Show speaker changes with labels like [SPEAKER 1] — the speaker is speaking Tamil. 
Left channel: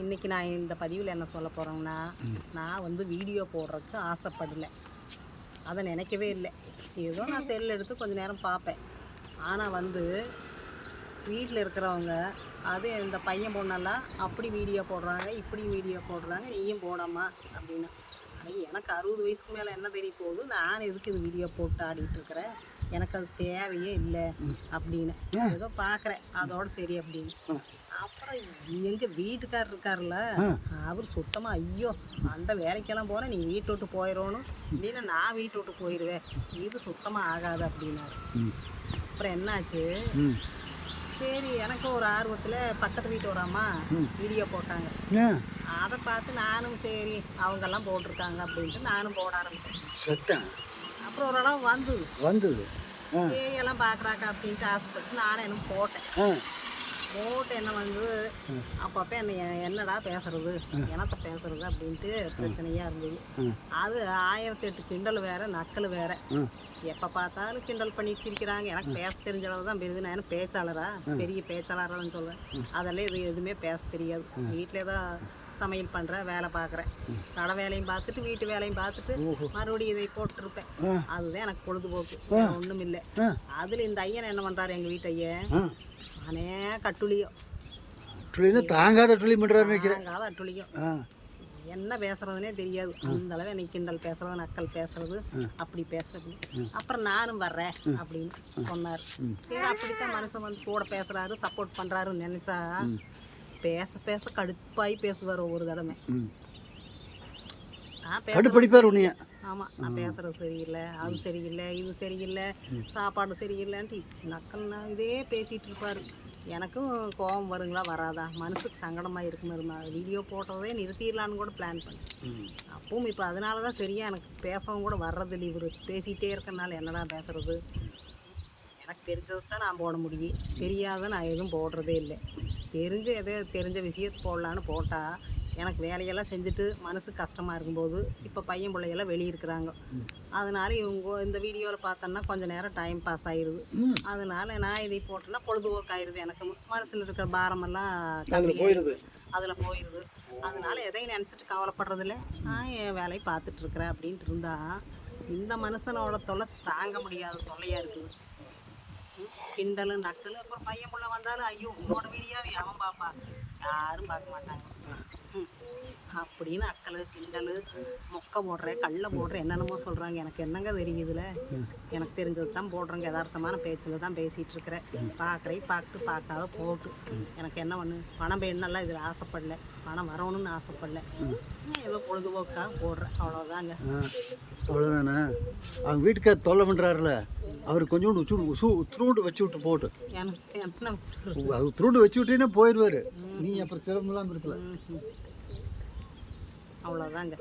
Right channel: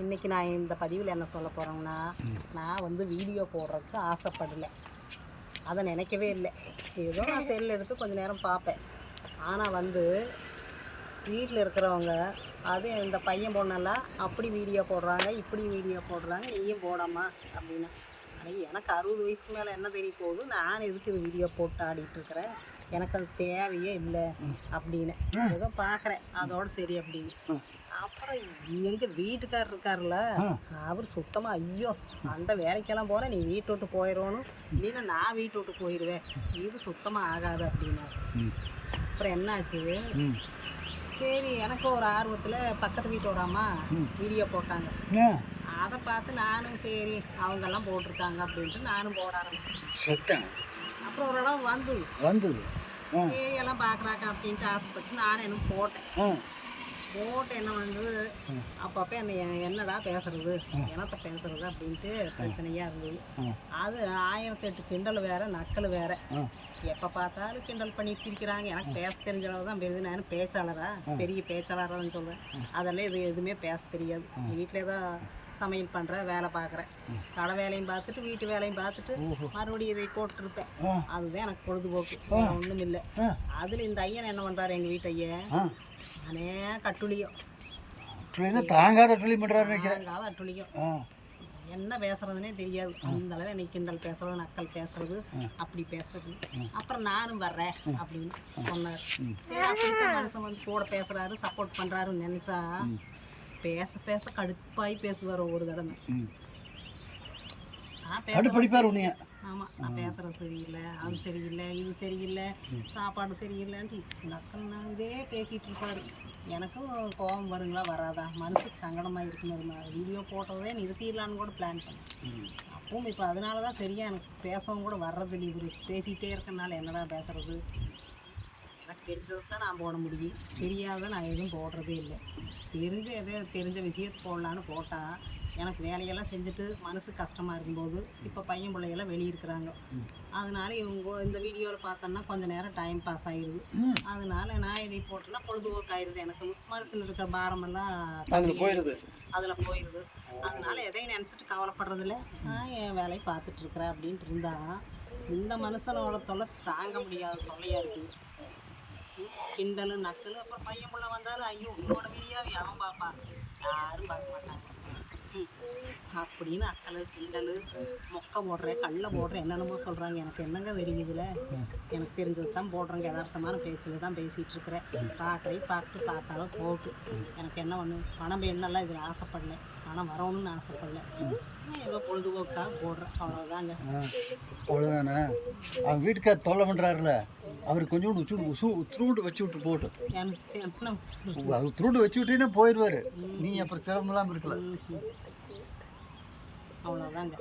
[SPEAKER 1] இன்னைக்கு நான் இந்த பதிவில் என்ன சொல்ல போகிறேங்கன்னா நான் வந்து வீடியோ போடுறதுக்கு ஆசைப்படலை. அதை நினைக்கவே இல்லை. ஏதோ நான் செல் எடுத்து கொஞ்ச நேரம் பார்ப்பேன். ஆனால் வந்து வீட்டில் இருக்கிறவங்க அது இந்த பையன் பொண்ணெல்லாம் அப்படி வீடியோ போடுறாங்க இப்படி வீடியோ போடுறாங்க நீயும் போடாமா அப்படின்னு. எனக்கு அறுபது வயசுக்கு மேலே என்ன தெரிய போகுது? நான் எதுக்கு இந்த வீடியோ போட்டு ஆடிட்டு இருக்கிறேன்? எனக்கு அது தேவையே இல்லை அப்படின்னு. ஏதோ பார்க்குறேன். அதோட சரி அப்படின்னு. அப்புறம் எங்கள் வீட்டுக்காரர் இருக்கார்ல அவர் சுத்தமாக ஐயோ அந்த வேலைக்கெல்லாம் போனால் நீ வீட்டை விட்டு போயிடணும் இல்லைன்னா நான் வீட்டை விட்டு போயிடுவேன் இது சுத்தமாக ஆகாது அப்படின்னாரு. அப்புறம் என்னாச்சு? சரி எனக்கு ஒரு ஆர்வத்தில் பக்கத்து வீட்டு அம்மா வீடியோ போட்டாங்க. அதை பார்த்து நானும் சரி அவங்கெல்லாம் போட்டிருக்காங்க அப்படின்ட்டு நானும் போட ஆரம்பிச்சேன்.
[SPEAKER 2] செத்தேன்
[SPEAKER 1] அப்புறம் ஓரளவு வந்து
[SPEAKER 2] வந்தது. ஆ.
[SPEAKER 1] சரி எல்லாம் பார்க்குறாங்க அப்படின்ட்டு ஆசைப்பட்டு நானும் என்ன போட்டேன் போட்டு என்ன வந்து அப்பப்போ என்ன என்னடா பேசுறது? என்னத்த பேசுறது அப்படின்ட்டு பிரச்சனையாக இருந்தது. அது ஆயிரத்தி எட்டு கிண்டல் வேற நக்கல் வேற. எப்போ பார்த்தாலும் கிண்டல் பண்ணிட்டு சிரிக்கிறாங்க. எனக்கு பேச தெரிஞ்ச அளவு தான் பெரிய நான் பேச்சாளரா? பெரிய பேச்சாளரான்னு சொல்கிறேன் அதெல்லாம் இது எதுவுமே பேச தெரியாது. வீட்டிலே தான் சமையல் பண்ணுறேன் வேலை பார்க்குறேன். கடை வேலையும் பார்த்துட்டு வீட்டு வேலையும் பார்த்துட்டு மறுபடியும் இதை போட்டுருப்பேன். அதுதான் எனக்கு பொழுதுபோக்கு. ஒன்றும் இல்லை. அதில் இந்த ஐயன் என்ன பண்ணுறாரு எங்கள் வீட்டு ஐயன்? நானே கட்டுலியும்.
[SPEAKER 2] ட்ரெயினு தாங்காத பண்ணுறாரு நினைக்கிறேன்.
[SPEAKER 1] தாங்காத என்ன பேசுறதுனே தெரியாது. அந்த அளவு நீ கிண்டல் பேசுறது நக்கல் பேசுறது அப்படி பேசுறது. அப்புறம் நானும் வர்றேன் அப்படின்னு சொன்னார். சரி அப்படித்தான் மனுஷன் வந்து கூட பேசுறாரு சப்போர்ட் பண்றாருன்னு நினைச்சா பேச பேச கடுப்பாய் பேசுவார் ஒவ்வொரு தடவை.
[SPEAKER 2] கடுப்படிப்பார் உன்னைய.
[SPEAKER 1] ஆமாம் நான் பேசுறது சரியில்லை அது சரியில்லை இது சரியில்லை சாப்பாடு சரியில்லைன்ட்டு நக்கல் நான் இதே பேசிகிட்டு இருப்பாரு. எனக்கும் கோபம் வருங்களா வராதா? மனசுக்கு சங்கடமாக இருக்குன்னு நான் வீடியோ போட்டதே நிறுத்திடலான்னு கூட பிளான் பண்ணேன். அப்பவும் இப்போ அதனால தான் சரியாக எனக்கு பேசவும் கூட வர்றதில்லை இவர். பேசிகிட்டே இருக்கனால என்னடா பேசுறது? எனக்கு தெரிஞ்சது தான் நான் போட முடியும். தெரியாத நான் எதுவும் போடுறதே இல்லை. தெரிஞ்ச எதோ தெரிஞ்ச விஷயத்தை போடலான்னு போட்டால் எனக்கு வேலையெல்லாம் செஞ்சுட்டு மனசு கஷ்டமாக இருக்கும்போது இப்போ பையன் பிள்ளைகள்லாம் வெளியே இருக்கிறாங்க. அதனால இவங்க இந்த வீடியோவில் பார்த்தோன்னா கொஞ்சம் நேரம் டைம் பாஸ் ஆயிடுது அதனால நான் இதை போட்டேன்னா பொழுதுபோக்கு ஆயிடுது எனக்கு. மனசில் இருக்கிற பாரமெல்லாம்
[SPEAKER 2] அதில் போயிடுது
[SPEAKER 1] அதில் போயிடுது அதனால எதையும் நினச்சிட்டு கவலைப்படுறதில்ல நான் என் வேலையை பார்த்துட்டு இருக்கிறேன் அப்படின்ட்டு இருந்தா இந்த மனுஷனோட தொல்லை தாங்க முடியாத தொல்லையாக இருக்குது. கிண்டலு நக்கலு அப்புறம் பையன் புள்ள வந்தாலும் ஐயோ உன்னோட வீடியோவை அவன் பாப்பா? யாரும் பார்க்க மாட்டாங்க. அப்படின்னு அக்கலு கிண்டலு. மொக்க போடுறேன் கல்ல போடுறேன் என்னென்னமோ சொல்கிறாங்க எனக்கு என்னங்க தெரியுதுல எனக்கு தெரிஞ்சது தான் போடுறேங்க. யதார்த்தமான பேச்சில் தான் பேசிகிட்டு இருக்கிறேன். பார்க்குறே பார்த்து பார்க்காத போகுது. எனக்கு என்ன ஒன்று பணம் வேணும்லாம் இதில் ஆசைப்படல. பணம் வரணும்னு ஆசைப்படல. ஏதோ பொழுதுபோக்காக போடுறேன். அவ்வளோதாங்க
[SPEAKER 2] அவ்வளோதானே அவங்க வீட்டுக்கார் தொல்லை பண்ணுறாருல அவர் கொஞ்சோண்டு உச்சு உசு உத்ரூண்டு வச்சு விட்டு போட்டு? அவர் துருண்டு வச்சு விட்டீங்கன்னா போயிடுவார் நீ அப்புறம் சிரமம் இல்லாமல் இருக்கல.
[SPEAKER 1] அவ்வளோதாங்க